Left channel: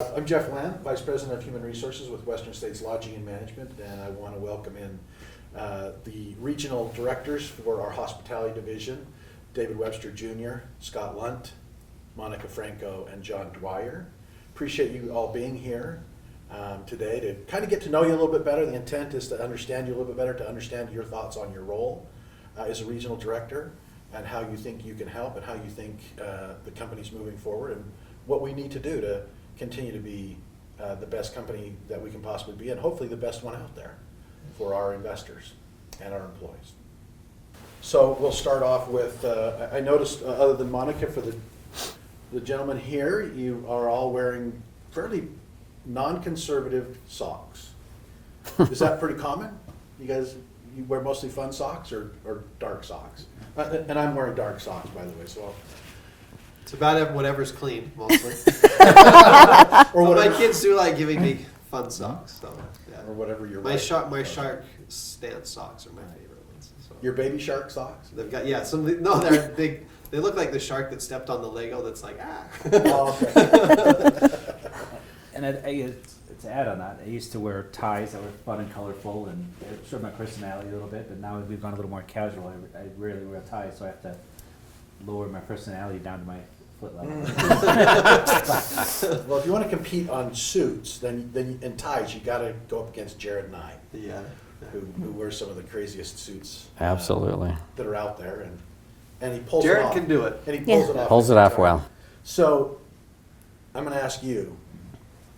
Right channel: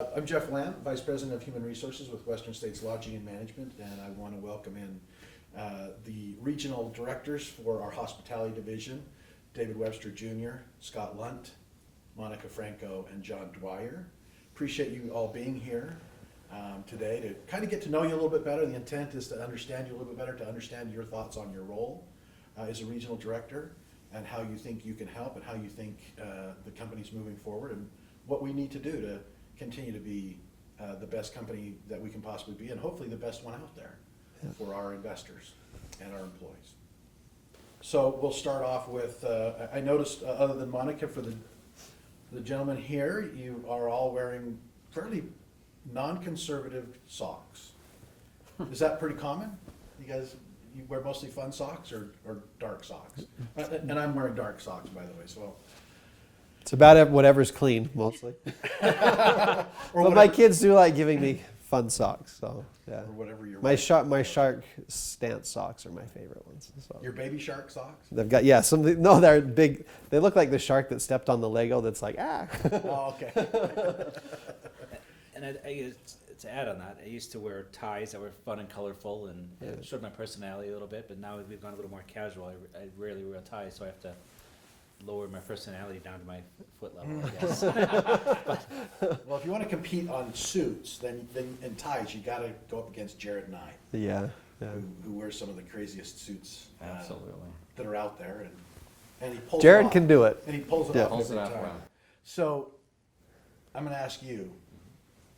I'm Jeff Land, Vice President of Human Resources with Western States Lodging and Management, and I want to welcome in the regional directors for our hospitality division, David Webster Jr., Scott Lunt, Monica Franco, and John Dwyer. Appreciate you all being here today to kind of get to know you a little bit better. The intent is to understand you a little bit better, to understand your thoughts on your role as a regional director and how you think you can help and how you think the company's moving forward and what we need to do to continue to be the best company that we can possibly be, and hopefully the best one out there for our investors and our employees. So we'll start off with, I noticed other than Monica, for the gentlemen here, you are all wearing fairly non-conservative socks. Is that pretty common? You guys, you wear mostly fun socks or dark socks? And I'm wearing dark socks, by the way, so. It's about whatever's clean, mostly. Or my kids do like giving me fun socks, so yeah. Or whatever your My shark stance socks are my favorite ones. So. Your baby shark socks? They've got something. No, they're big. They look like the shark that stepped on the Lego. That's like Oh, okay. And to add on that, I used to wear ties that were fun and colorful, and it showed my personality a little bit. But now we've gone a little more casual. I rarely wear ties, so I have to lower my personality down to my foot level. Well, if you want to compete on suits, then and ties, you got to go up against Jared Nye, yeah. who wears some of the craziest suits Absolutely. that are out there, and he pulls it Jared off. can do it. And he pulls it off. Pulls it every off time. well. So, I'm going to ask you,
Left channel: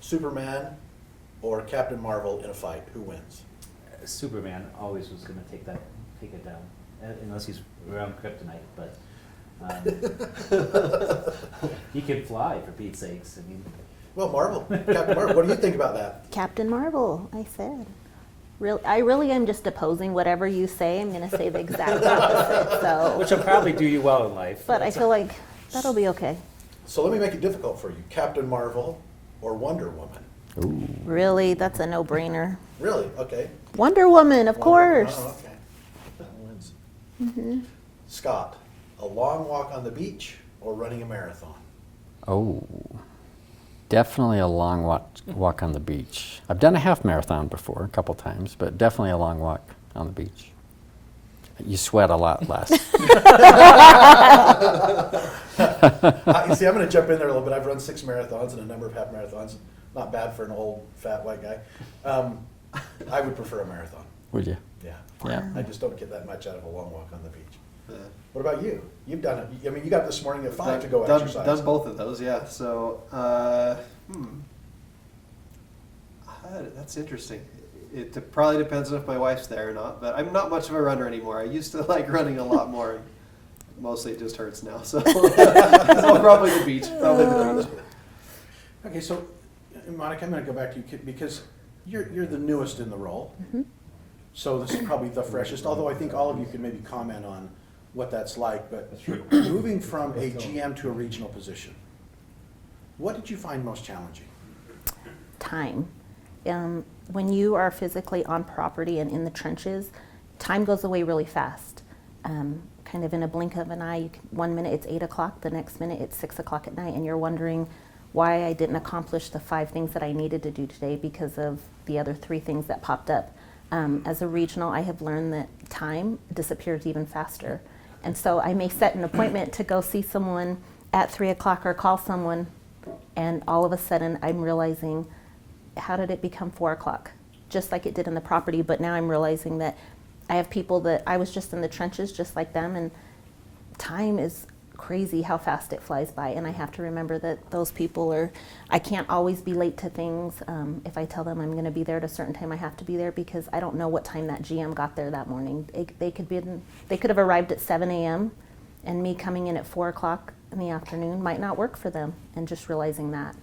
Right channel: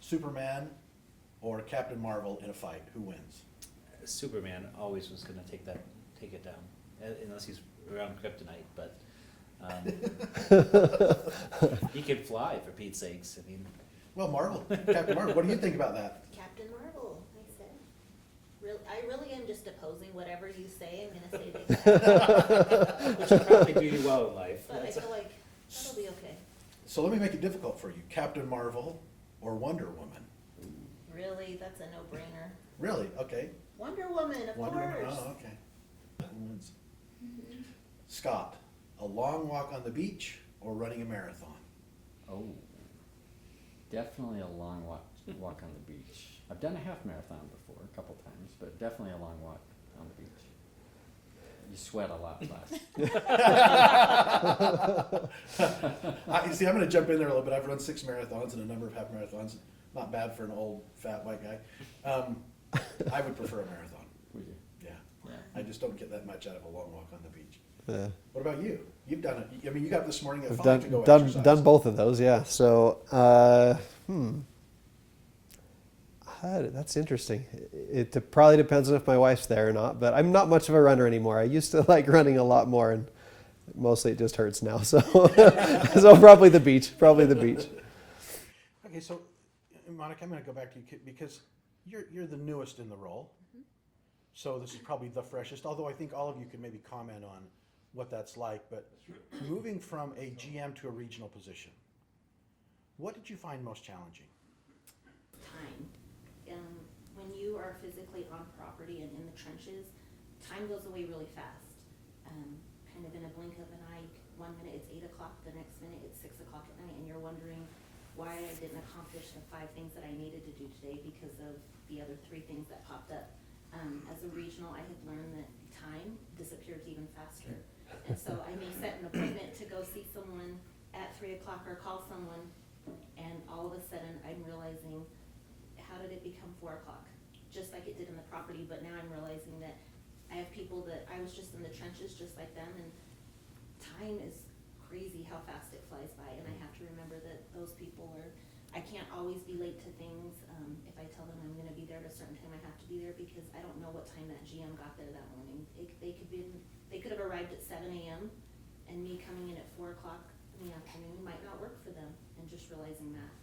Superman or Captain Marvel in a fight, who wins? Superman always was going to take it down, unless he's around kryptonite. But he can fly, for Pete's sakes. I mean, Well, Captain Marvel, what do you think about that? Captain Marvel, I said. I really am just opposing whatever you say. I'm going to say the exact opposite. which So, will probably do you well in life. but I feel like that'll be okay. So let me make it difficult for you. Captain Marvel or Wonder Woman? Ooh. Really, that's a no-brainer. Really? Okay. Wonder Woman, of Wonder Woman. course. Oh, okay. That wins. Scott, a long walk on the beach or running a marathon? Oh, definitely a long walk on the beach. I've done a half marathon before, a couple times, but definitely a long walk on the beach. You sweat a lot less. You see, I'm going to jump in there a little bit. I've run 6 marathons and a number of half marathons. Not bad for an old, fat, white guy. I would prefer a marathon. Would you? Yeah. Yeah. I just don't get that much out of a long walk on the beach. Yeah. What about you? You've done it. I mean, you got this morning at 5 Done, to go done, exercise. done both of those, yeah. So, that's interesting. It probably depends on if my wife's there or not, but I'm not much of a runner anymore. I used to like running a lot more, and mostly it just hurts now. So, so probably the beach. Probably the beach. Okay, so Monica, I'm going to go back to you because you're the newest in the role. Mm-hmm. So this is probably the freshest, although I think all of you can maybe comment on what that's like. But moving from a GM to a regional position, what did you find most challenging? Time. When you are physically on property and in the trenches, time goes away really fast. Kind of in a blink of an eye, 1 minute it's 8 o'clock, the next minute it's 6 o'clock at night, and you're wondering why I didn't accomplish the 5 things that I needed to do today because of the other 3 things that popped up. As a regional, I have learned that time disappears even faster. And so I may set an appointment to go see someone at 3 o'clock or call someone, and all of a sudden I'm realizing, how did it become 4 o'clock? Just like it did in the property, but now I'm realizing that I have people that I was just in the trenches just like them, and time is crazy how fast it flies by, and I have to remember that those people I can't always be late to things. If I tell them I'm going to be there at a certain time, I have to be there because I don't know what time that GM got there that morning. They could have arrived at 7 a.m. and me coming in at 4 o'clock in the afternoon might not work for them, and just realizing that.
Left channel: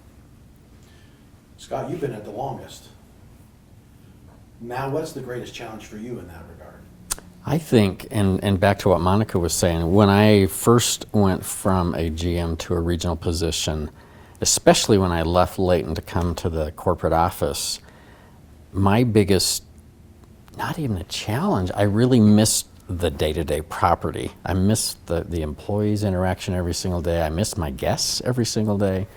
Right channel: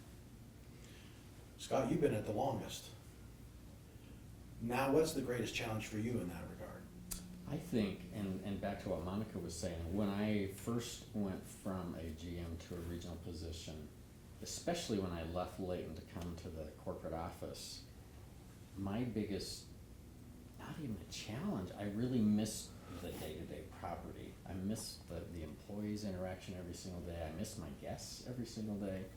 Scott, you've been at the longest. Now, what's the greatest challenge for you in that regard? I think, and back to what Monica was saying, when I first went from a GM to a regional position, especially when I left Layton to come to the corporate office, my biggest, not even a challenge, I really missed the day-to-day property. I missed the employees' interaction every single day. I missed my guests every single day.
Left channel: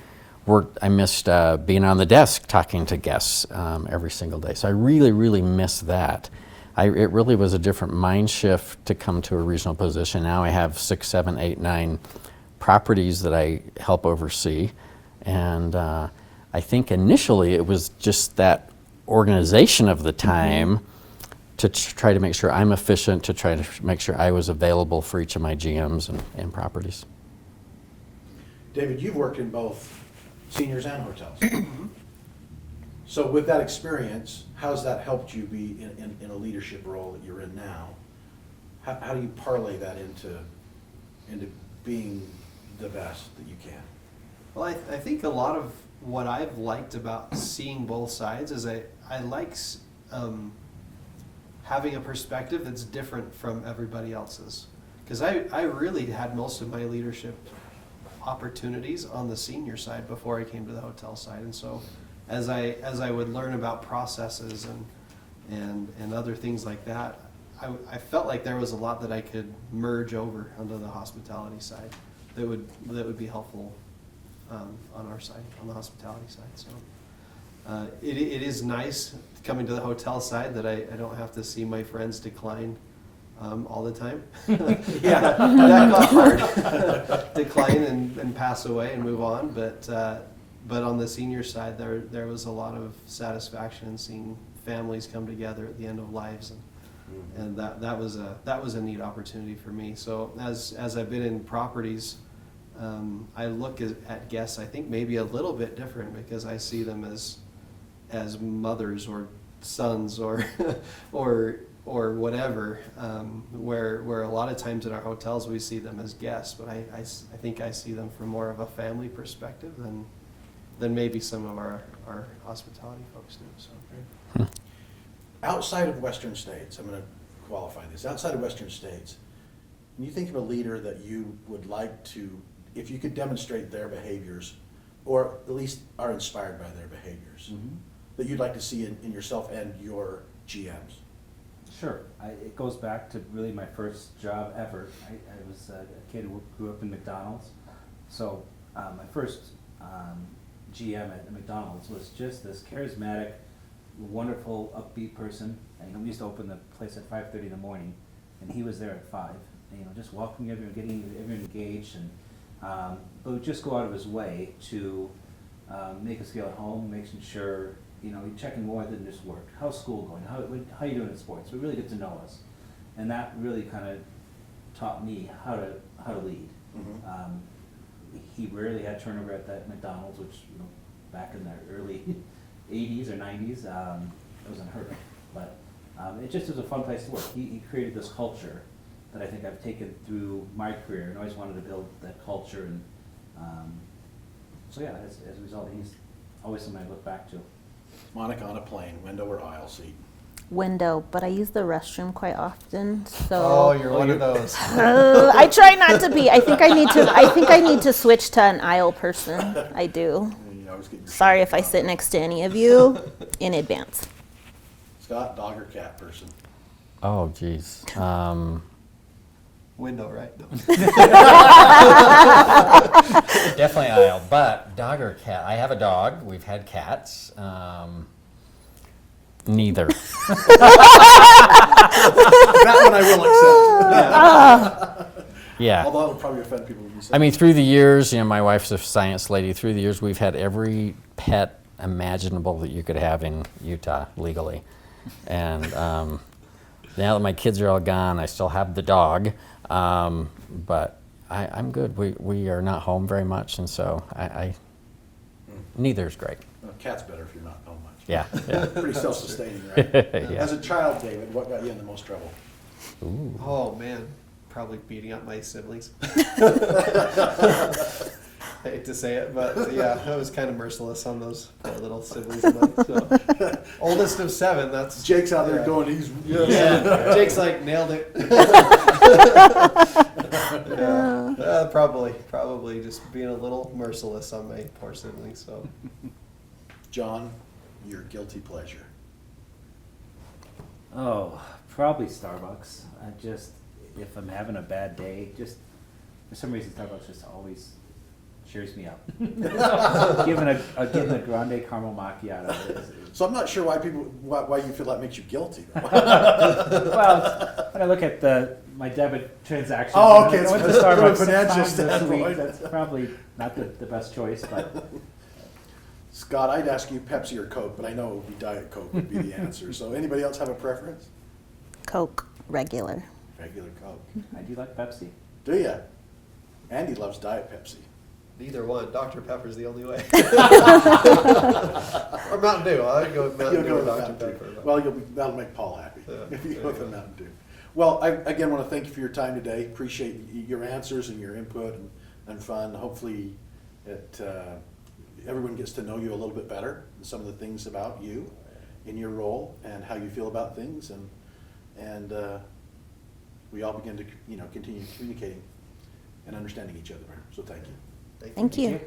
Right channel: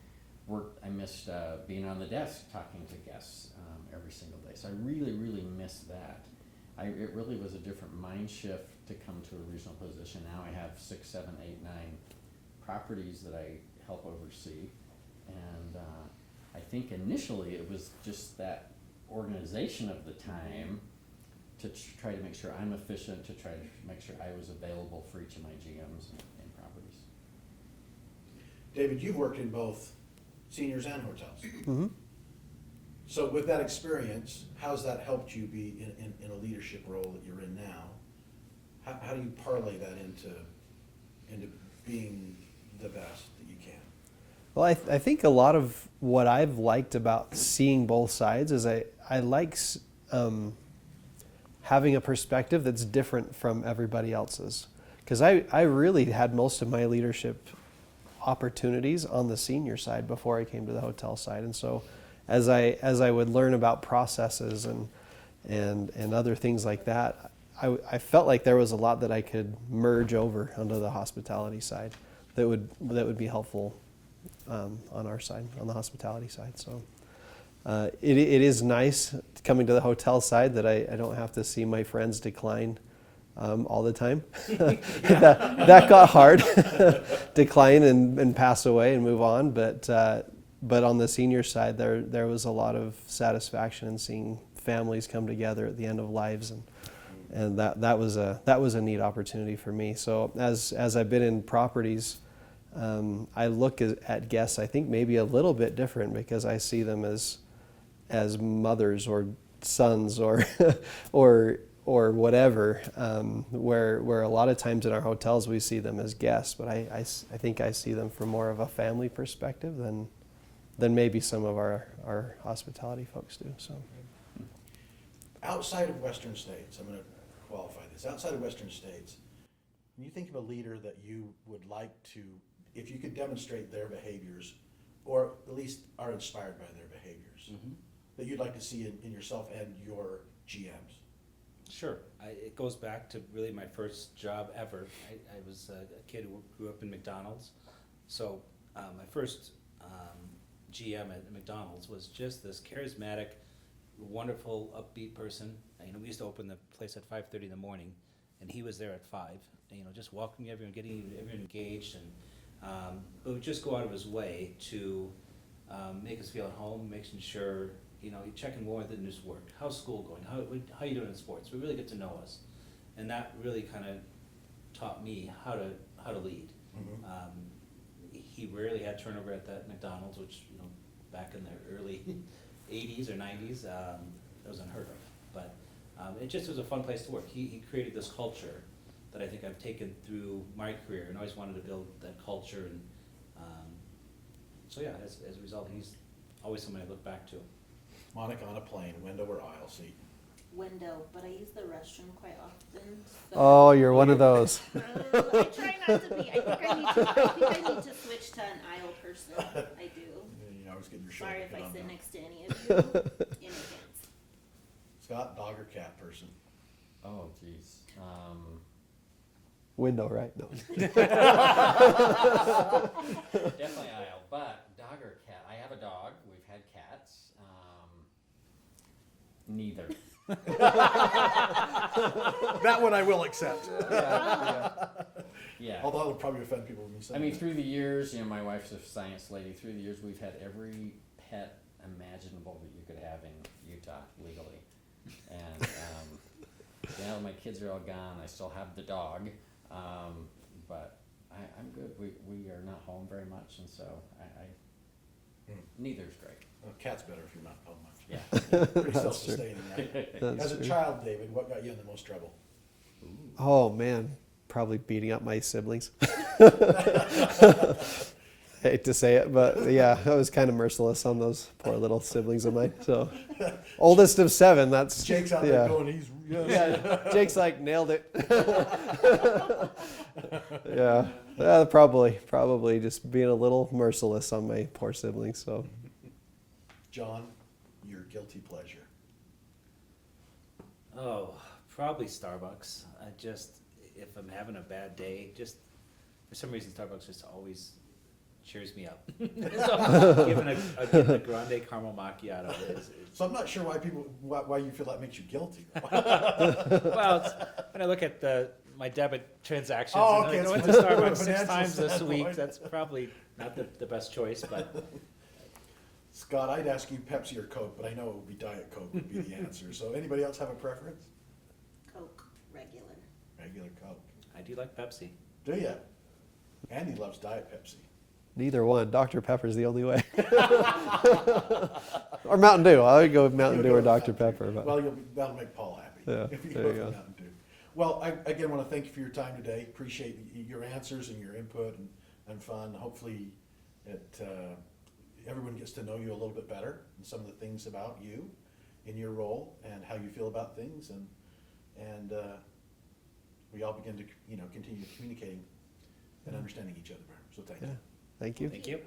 I missed being on the desk talking to guests every single day. So I really, really miss that. It really was a different mind shift to come to a regional position. Now I have 6, 7, 8, 9 properties that I help oversee. And I think initially it was just that organization of the time to try to make sure I'm efficient, to try to make sure I was available for each of my GMs and properties. David, you've worked in both seniors and hotels. So with that experience, how's that helped you be in a leadership role that you're in now? How do you parlay that into being the best that you can? Well, I think a lot of what I've liked about seeing both sides is I like having a perspective that's different from everybody else's. Because I really had most of my leadership opportunities on the senior side before I came to the hotel side. And so as I would learn about processes and other things like that, I felt like there was a lot that I could merge over onto the hospitality side that would be helpful on our side, on the hospitality side. So it is nice coming to the hotel side that I don't have to see my friends decline all the time. That got hard. Decline and pass away and move on. But on the senior side, there was a lot of satisfaction in seeing families come together at the end of lives, and that was a neat opportunity for me. So as I've been in properties, I look at guests, I think maybe a little bit different, because I see them as mothers or sons or or whatever, where a lot of times in our hotels we see them as guests, but I think I see them from more of a family perspective than maybe some of our hospitality folks do. So Outside of Western states, I'm going to qualify this, outside of Western states, when you think of a leader that you would like to, if you could demonstrate their behaviors, or at least are inspired by their behaviors, that you'd like to see in yourself and your GMs? Sure. It goes back to really my first job ever. I was a kid who grew up in McDonald's. So my first GM at McDonald's was just this charismatic, wonderful, upbeat person. We used to open the place at 5:30 in the morning, and he was there at 5. Just welcoming everyone, getting everyone engaged, and but would just go out of his way to make us feel at home, making sure you're checking more than just work. How's school going? How you doing in sports? We really get to know us, and that really kind of taught me how to lead. He rarely had turnover at that McDonald's, which back in the early 80s or 90s, it was unheard of. But it just was a fun place to work. He created this culture that I think I've taken through my career, and always wanted to build that culture. And so yeah, as a result, he's always somebody I look back to. Monica, on a plane, window or aisle seat? Window, but I use the restroom quite often. So oh, you're one of those. I try not to be. I think I need to switch to an aisle person. I do. You always get your Sorry shit if I done. sit next to any of you in advance. Scott, dog or cat person? Oh, geez. Window, right? No. Definitely aisle, but dog or cat? I have a dog. We've had cats. Neither. That one I will accept. Yeah. Although it'll probably offend people when you say I mean, through the years, my wife's a science lady. Through the years, we've had every pet imaginable that you could have in Utah legally. And now that my kids are all gone, I still have the dog. But I'm good. We are not home very much, and so neither's great. Cat's better if you're not home much. Yeah. Pretty self-sustaining, right? Yeah. As a child, David, what got you in the most trouble? Ooh. Oh man, probably beating up my siblings. Hate to say it, but yeah, I was kind of merciless on those poor little siblings of mine. So, oldest of 7. That's Jake's out there yeah. going, he's Yeah, Jake's like nailed it. Yeah, probably just being a little merciless on my poor siblings. So, John, your guilty pleasure. Oh, probably Starbucks. If I'm having a bad day, just for some reason Starbucks just always cheers me up. So, given a grande caramel macchiato is, So I'm not sure why you feel that makes you guilty. well, when I look at my debit transactions, Oh, okay, I went to it's from a Starbucks 6 financial times this week. standpoint. That's probably not the best choice, but Scott, I'd ask you Pepsi or Coke, but I know it would be Diet Coke would be the answer. So anybody else have a preference? Coke, regular. Regular Coke. I do like Pepsi. Do ya? Andy loves Diet Pepsi. Neither one. Dr. Pepper's the only way. Or Mountain Dew. I would go with Mountain You'll Dew go or with Dr. Mountain Dew. Pepper. But Well, that'll make Paul happy Yeah, if you there go you with go. Mountain Dew. Well, I again want to thank you for your time today. Appreciate your answers and your input and fun. Hopefully, everyone gets to know you a little bit better and some of the things about you in your role and how you feel about things, and we all begin to continue communicating and understanding each other better. So thank you. Thank you. Thank you. you.